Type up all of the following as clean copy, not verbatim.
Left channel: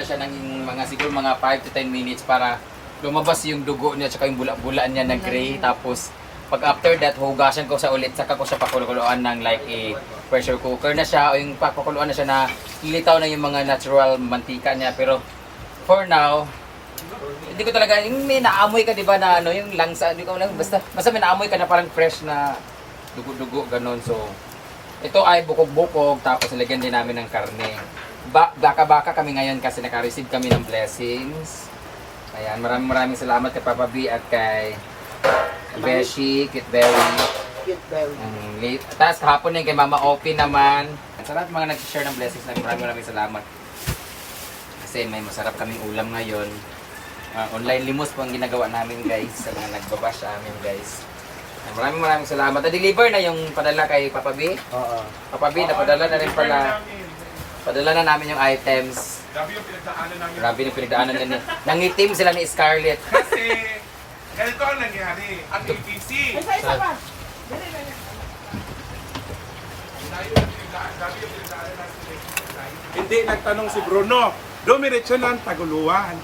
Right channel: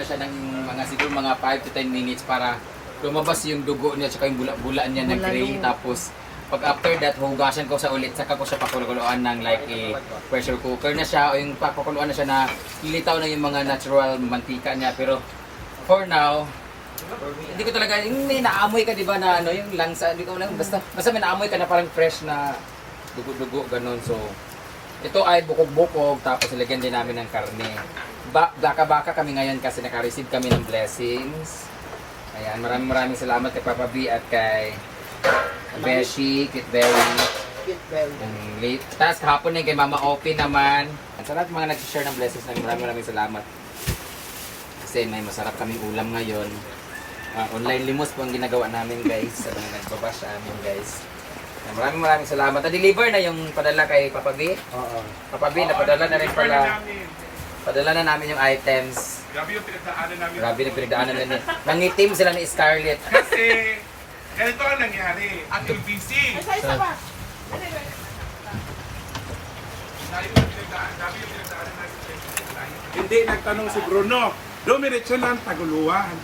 muna siya ng mga siguro mga 5 to 10 minutes para lumabas yung dugo niya tsaka yung bula-bula niya na gray. Tapos pag after that, hugasan ko sa ulit, saka ko siya pakuluan ng like a pressure cooker na siya o yung pakuluan na siya na lilitaw na yung mga natural mantika niya. Pero for now, hindi ko talaga, yung may naamoy ka diba na ano, yung langsa, hindi ko lang, basta may naamoy ka na parang fresh na dugo-dugo, ganun. So, ito ay bukog-bukog, tapos nilagyan din namin ng karne. Baka-baka kami ngayon kasi naka-receive kami ng blessings. Ayan, maraming salamat kay Papa B at kay Beshi, Kitberry. Tapos kahapon din kay Mama Opie naman. Sa lahat mga nag-share ng blessings namin, maraming salamat. Kasi may masarap kaming ulam ngayon. Online limos po ang ginagawa namin guys. Sa mga nagbabash sa amin guys. Maraming salamat. Na-deliver na yung padala kay Papa B? Oo. Papa B, napadala na rin pala. Padala na namin yung items. Grabe yung pinagdaanan namin. Grabe yung pinagdaanan nila. Nangitim sila ni Scarlett. Kasi, ganito ang nangyari. Ang UTC. Grabe yung pinagdaanan namin. Hindi, nagtanong si Bruno. Dumiretso ng Taguluan.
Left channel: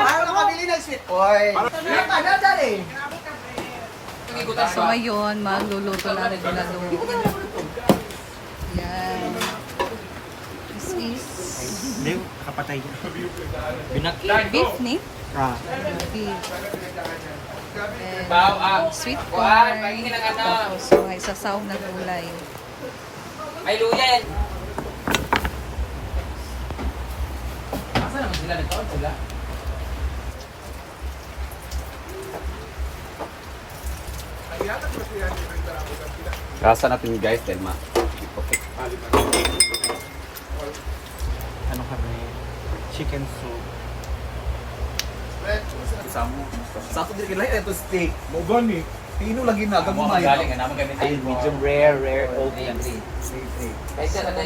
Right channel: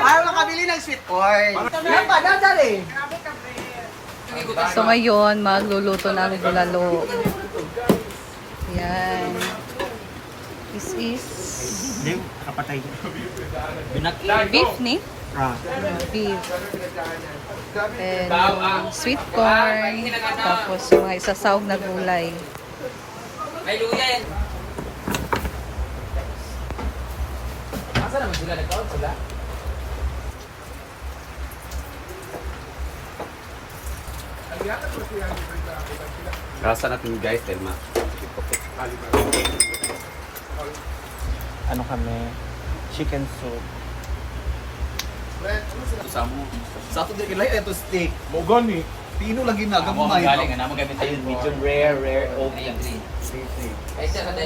Ayaw nakabili ng sweet corn. So ngayon, magluluto namin bulalo. Yan. This is Kapatay. beef ni? Beef. And sweet corn. Tapos mga isasawag na gulay. Ay, luya yan. Masa naman sila nagkaon sila? Rasa natin guys, Telma. Ano kami? Chicken soup. Sa ato din kilay ito steak. Mo gani. Pino lagi na Amo gamay. galing nga naman gamit tayo. Medium rare, Okay, ang green.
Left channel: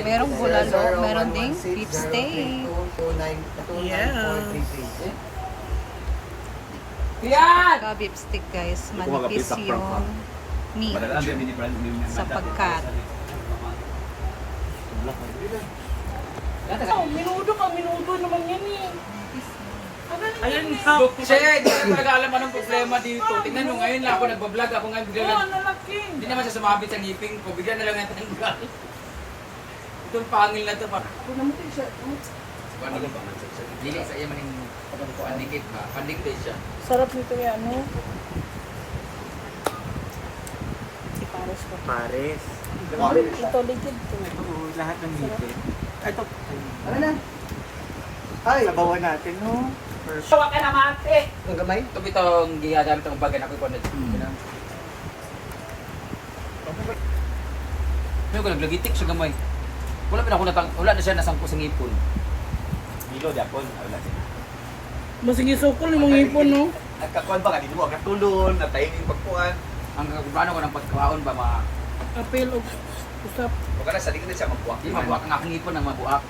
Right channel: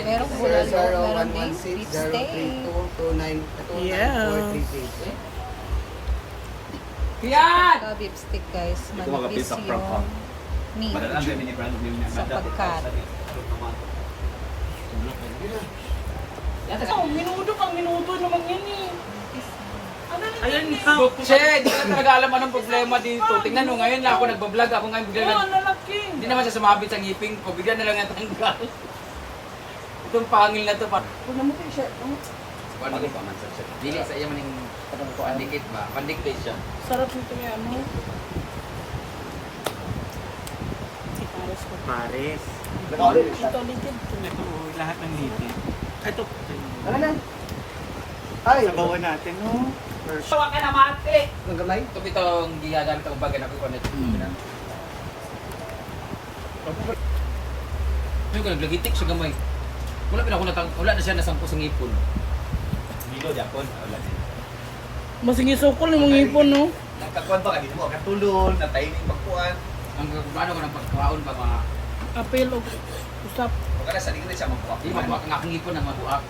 Merong bulalo, meron ding beef steak. Yan! Saka beef steak guys. mga Manipis pizza prop, ha? yung meat. Padala ang mini brand new Sa pagkat. Minudo pang minudo naman yan eh. Ayun, ikaw. Che, di ko talaga alam anong problema dito. Tingnan mo ngayon lang ako nagbablog. Ako ngayon bigla Oo, lang. nalaki. Hindi naman siya sumabit sa ngipin ko. Bigla na lang natanggal. Itong pangil na to. Ito naman ko siya. Dili sa iya maning pandikit ba? Pandikit siya. Sarap nito yan, no? Pares. Ito ligid. Ito, lahat ng hipit. Ito, sabawan natin, no? First. Tawa ka na mati. Ito itong gigagamit ang bagay na ko na. Ano ka naglagitik siya gamay. Wala na siya nasangko sa ngipon. Dilo japon wala siya. Masing isukol yung mga ipon, no? Nagkakuan pa kanimo ang tulon, na timing pagkuan. Ang kagubano ko ng pagkaon ba mga Apel o usap. Pagka nasa dikit siya magkuha. di mabuak ang aking ngipon na mabuak.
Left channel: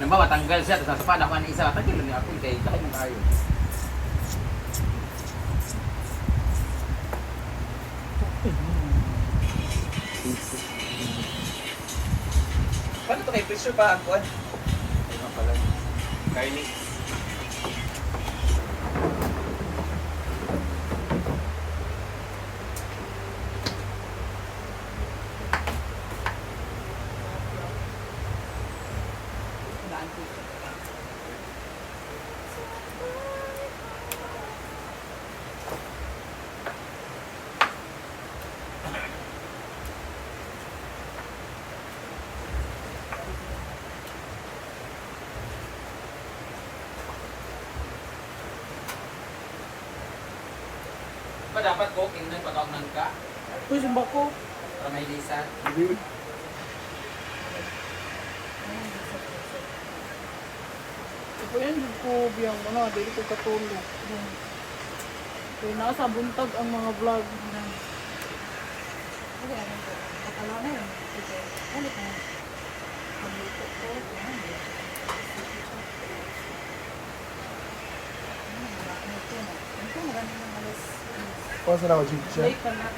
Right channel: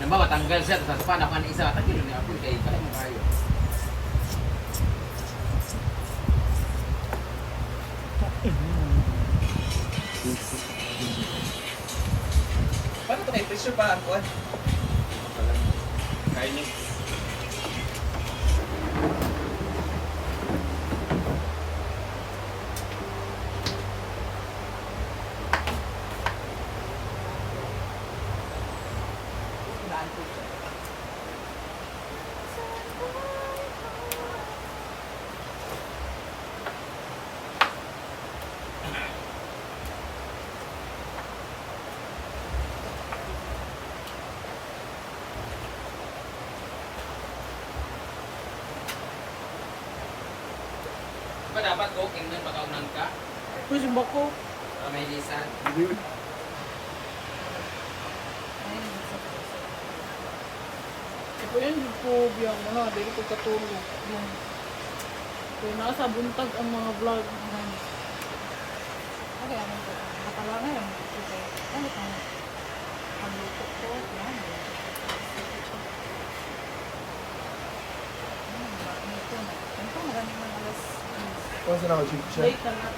Nambawa tanggal siya tapos sa ako ang isa tanggal ni apil kay tayo mo kayo. Paano ito may pressure pa ang kuha? Ano pala? Kylie. Ba dapat ko tingnan pagkaunan ka? Pwede ba ko? Para may lisan. Ito yan, yung ko biyang mga, dili ko katulog. Kaya nasa buntag ang mga vlog. Okay, ano po? Nakalaw na yun. Okay. Ano ka? Pagluto ko. Yan. Ito na. Ito, marami ng alas. Late na na.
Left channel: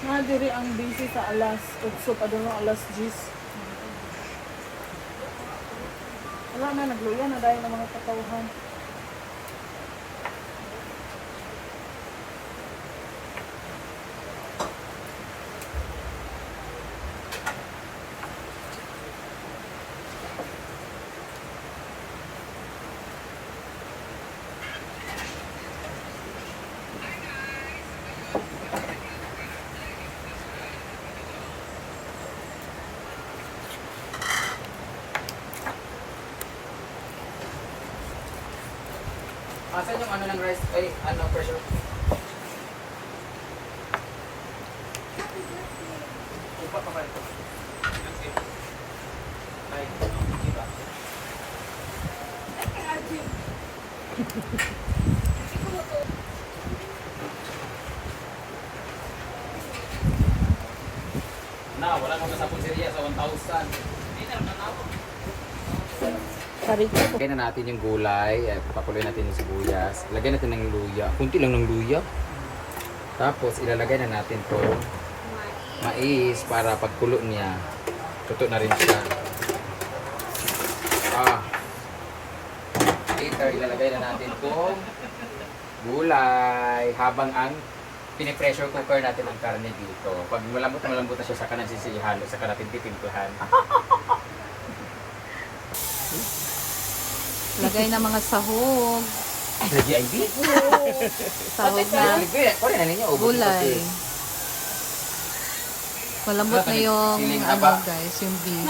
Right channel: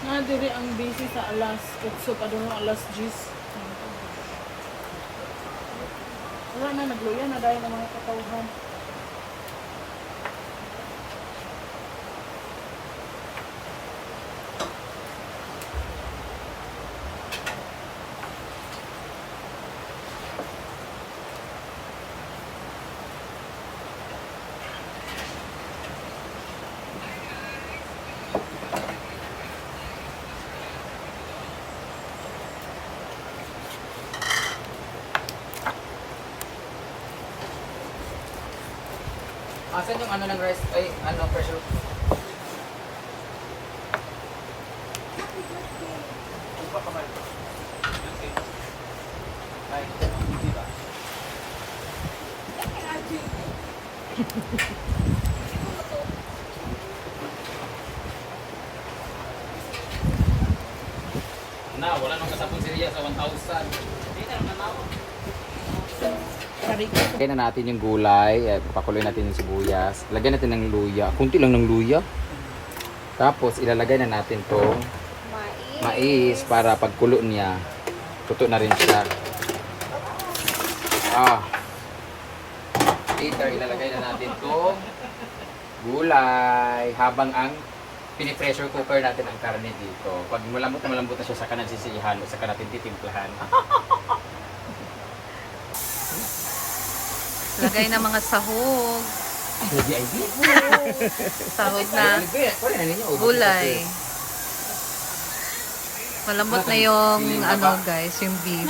Na diri ang busy sa alas 8 pa doon alas 10. Wala na nagluya na dahil ng mga katawhan. Asan yung ano ng rice, ay ano, pressure cooker? Na, wala nang kasapon si Ria sa 1,000. Lagyan na natin yung gulay, pakuloy natin yung sibuyas. Lagyan natin ng luya, kunti lang ng luya. Tapos ilalagay na natin to mais para pagkulo niya, tuto na rin siya. Later ilalagay na natin tong gulay habang ang pinipressure cooker natin ang karne dito. Pag malambot na siya, saka natin sisihalo, saka natin titimplahan. Lagay na mga sahog. Lagi ay di. Sahog na gulay. Malambot na yung ano guys, yung beef.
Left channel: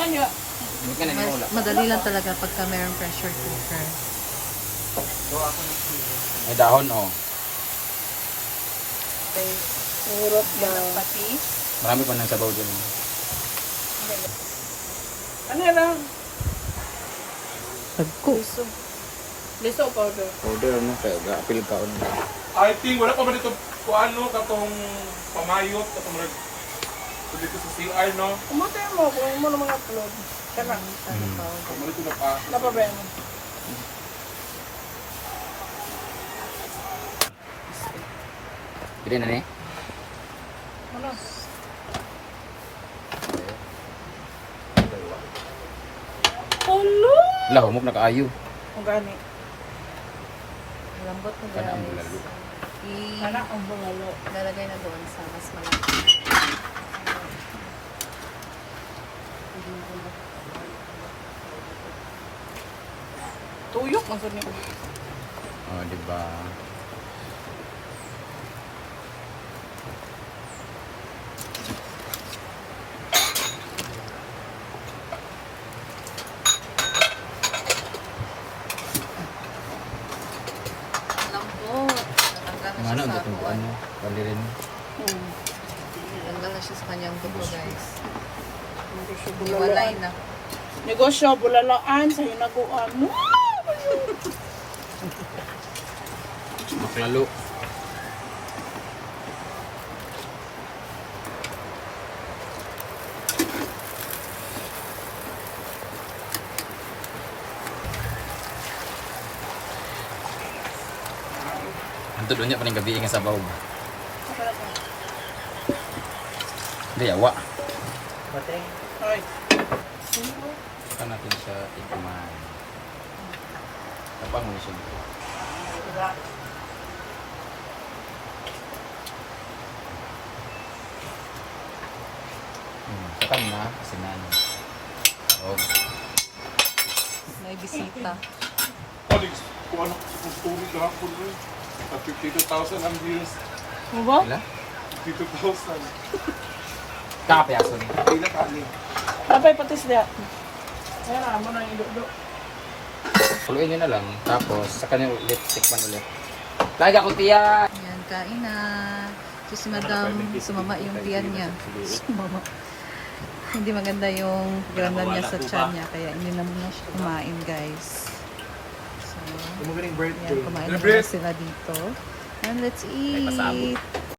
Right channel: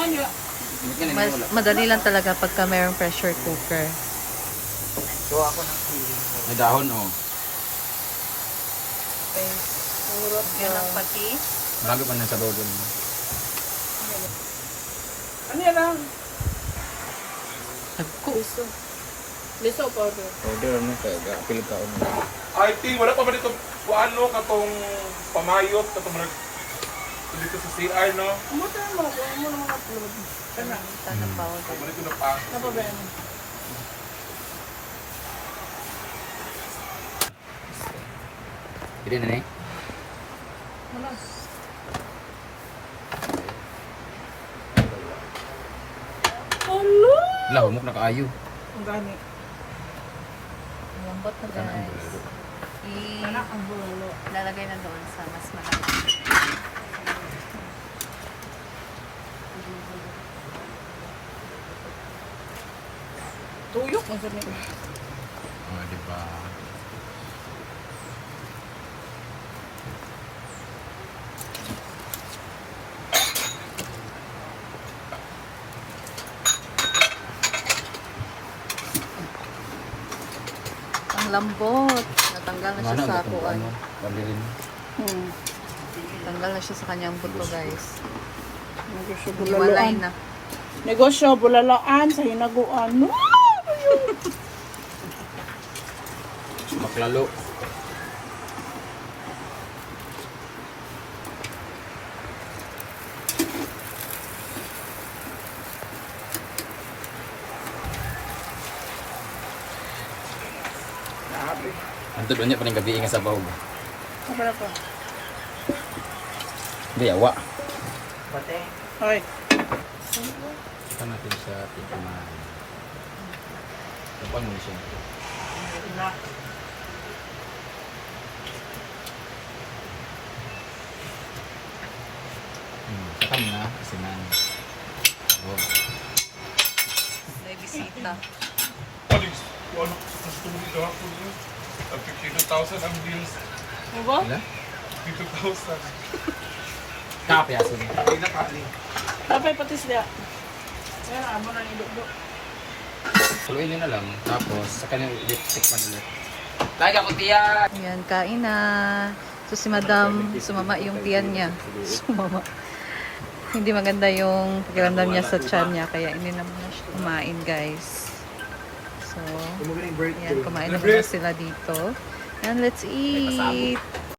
Madali lang talaga pagka mayroong pressure cooker. May dahon oh. Yan ang pati. Marami pa nang sabaw dyan. Ano yan lang? Liso. Liso powder. Order ano kaya apil ka on. I think wala pa ba dito kuano katong pamayot katong mga dito sa CR no. Umatay mo mo ng mga upload. Kana Tanang powder. Mo dito na pa. napabayan mo. Pili na ni. Ano? Hello. Lah, humok na kaayo. Ang gani. Lambot na Kana ang guys. bulalo. Anak ang bungalo. Ilalagay na doon sa mas malaki. Tuyok ang sarili. Oh, di ba? Ang lambot. Natanggal na siya Ano sa ang kuan. ano? Palirin. Tanggal na siya sa kanyang buto guys. Hiwalay na. Negosyo, bulalaan sa hinaguan. Maklalo. Antod unya pa ning gabi nga sabaw ba? Di awa. Bate. Hoy. Saka natin siya tikman. Tapang mo siya. Sakan na, asinan. Oh. May bisita. Colleagues, kuano sa story gahapon no. At 52,000 ang views. Mo ba? Wala? 52,000. Kapiaso ni. Hindi na kani. Tapay patis dia. Kaya amo na iludo. Puluin nyo na lang. Tapos, saka nyo ulit, tikman ulit. Laga ko tiyan! Yan, kain na. So si Madam, sumama yung tiyan niya. Sumama. Hindi maganda yung pakiramdam niya sa tiyan niya. Kaya hindi na muna siya kumain guys. So, yan, kumain na muna sila dito. And let's eat.